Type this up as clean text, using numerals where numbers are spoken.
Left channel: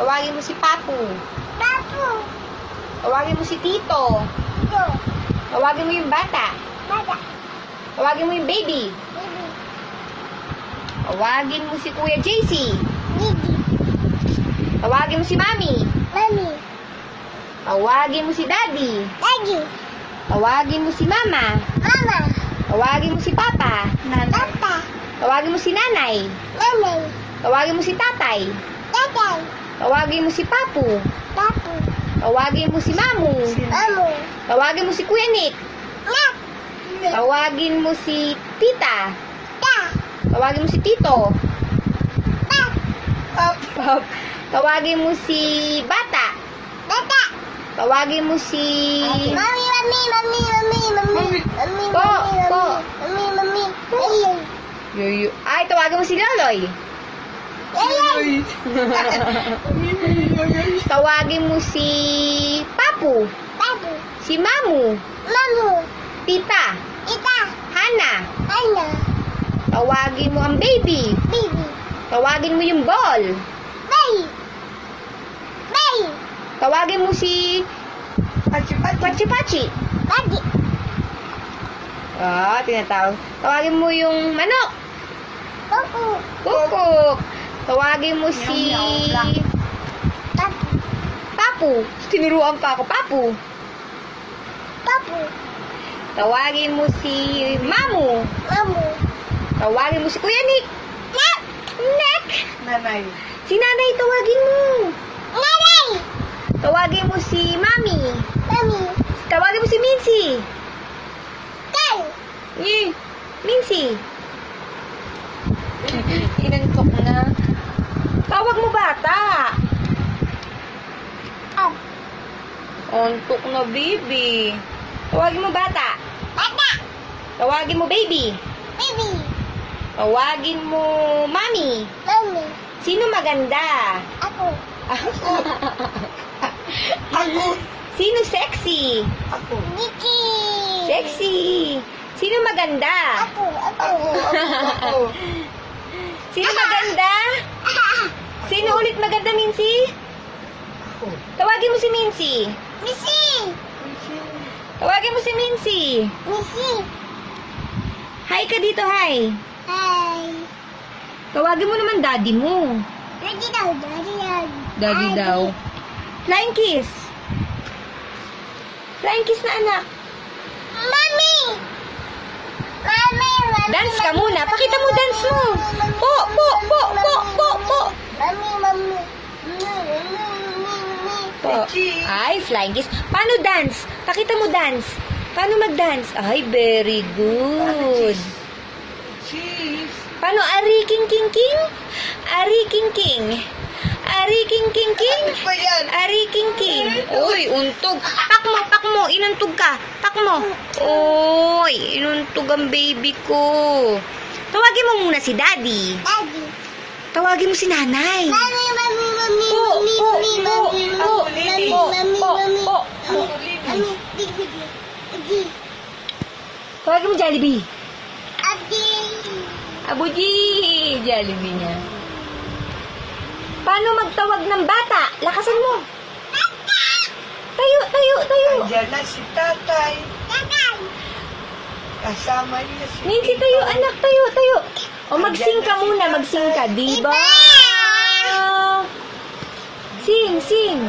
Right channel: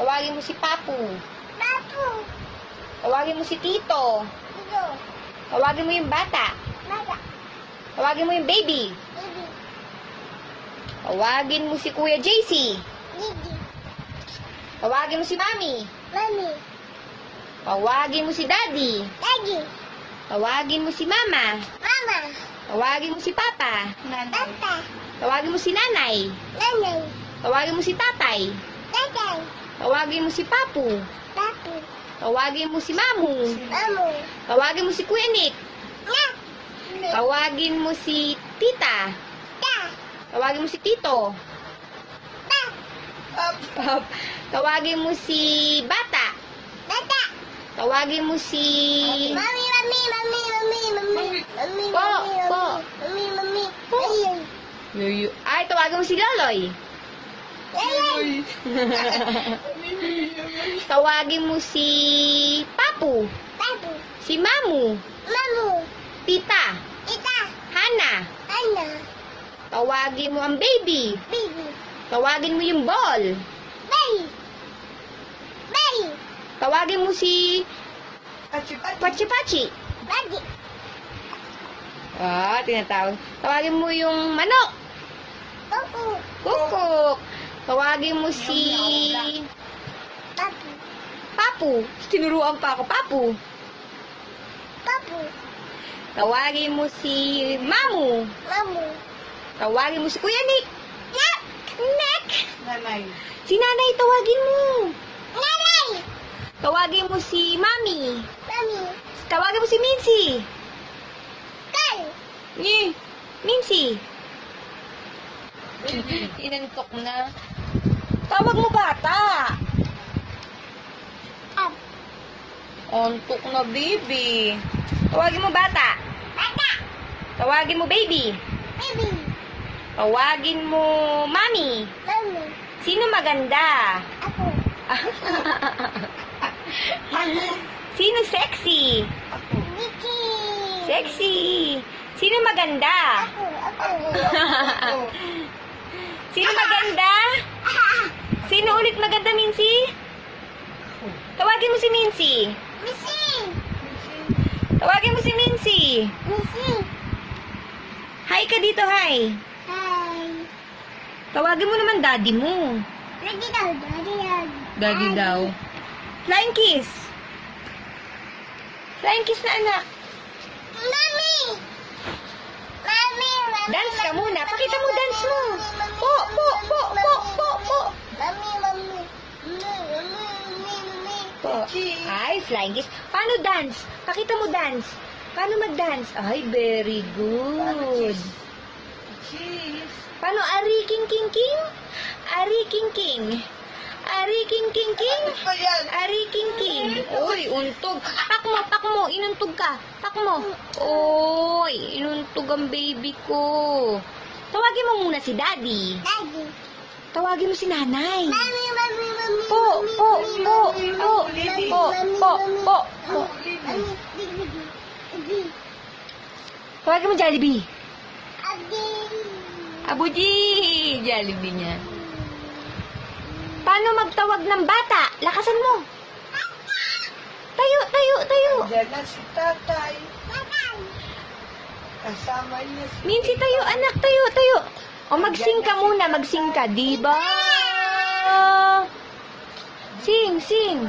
Tawagin mo si Papu. Papu. Tawagin mo si Tito. Tito. Tawagin mo yung bata. Bata. Tawagin mo yung baby. Baby. Tawagin mo si Kuya JC. Gigi. Tawagin mo si Mami. Mami. Tawagin mo si Daddy. Daddy. Tawagin mo si Mama. Mama. Tawagin mo si Papa. Papa. Tawagin mo si Nanay. Nanay. Tawagin mo si Tatay. Tatay. Tawagin mo si Papu. Papu. Tawagin mo si Mamu. Mamu. Tawagin mo si Kuya Nick. Nak. Tawagin mo si Tita. Ta. Tawagin mo si Tito. Pap. Pap. Tawagin mo si Bata. Bata. Tawagin mo si... Mami, mami, mami, mami, mami. Mami, Po, po. mami, mami. Hello. Yuyu. Ay, tawagin mo si Loloy. Hello. Tawagin mo si Papu. Papu. Si Mamu. Mamu. Tita. Ita. Hana. Ana. Tawagin mo ang baby. Baby. Tawagin mo yung ball. Bay. Bay. Tawagin mo si... Pachi. Bagi. Ah, tinatawag. Tawagin mo yung manok. Kuku. Kukuk. Tawagin mo si... Papu. Papu. Tinuruan pa ako. Papu. Papu. Tawagin mo si Mamu. Mamu. Tawagin mo si Kuya Nick. Nak. Nick. Nanay. Si Nanay, tawagin mo. Nanay. Tawagin mo si Mami. Mami. Tawagin mo si Mincy. Kay. Mincy. Inantok na. Tawag mo bata. Up. Antok na, baby. Tawagin mo bata. Bata. Tawagin mo baby. Baby. Tawagin mo mami. Mami. Sino maganda? Ako. Sino sexy? Ako. Niki. Sexy. Sino maganda? Ako. Ako. Sino maganda? Sino ulit maganda, Mincy? Tawagin mo si Mincy. Missy. Tawagin mo si Mincy. Missy. Hi ka dito, hi. Hi. Tawagin mo naman daddy mo. Daddy daw. Daddy daw. Daddy daw. Flying kiss. Flying kiss na anak. Mami. Mami. Mami. Dance ka muna. Pakita mo dance mo. Po, po, po, po, po, po. Mami. Mami. Po. Ay, flying kiss. Paano dance? Pakita mo dance. Paano mag-dance? Ay, very good. Cheese. Paano ari king king king? Ari king king. Ari king king king. Ano pa yan? Ari king king. Uy, untog. Pak mo. Inuntog ka. Pak mo. Uy, inuntog ang baby ko. Tawagin mo muna si daddy. Daddy. Tawagin mo si nanay. Mami. Mami. Mami. Po, Mami. po, Mami. po, Mami. po, Mami. po, Mami. po, Mami. po. Mami. Dig. Dig. Tawagin mo Jollibee. Adi. Abuji! Jollibee niya. Paano magtawag ng bata? Lakasan mo. Tayo. Andiyan na si tatay. Tatay. Kasama niya si Mincy, tita. tayo, anak, tayo. O, mag-sing ka muna, mag-sing ka, diba? Sing.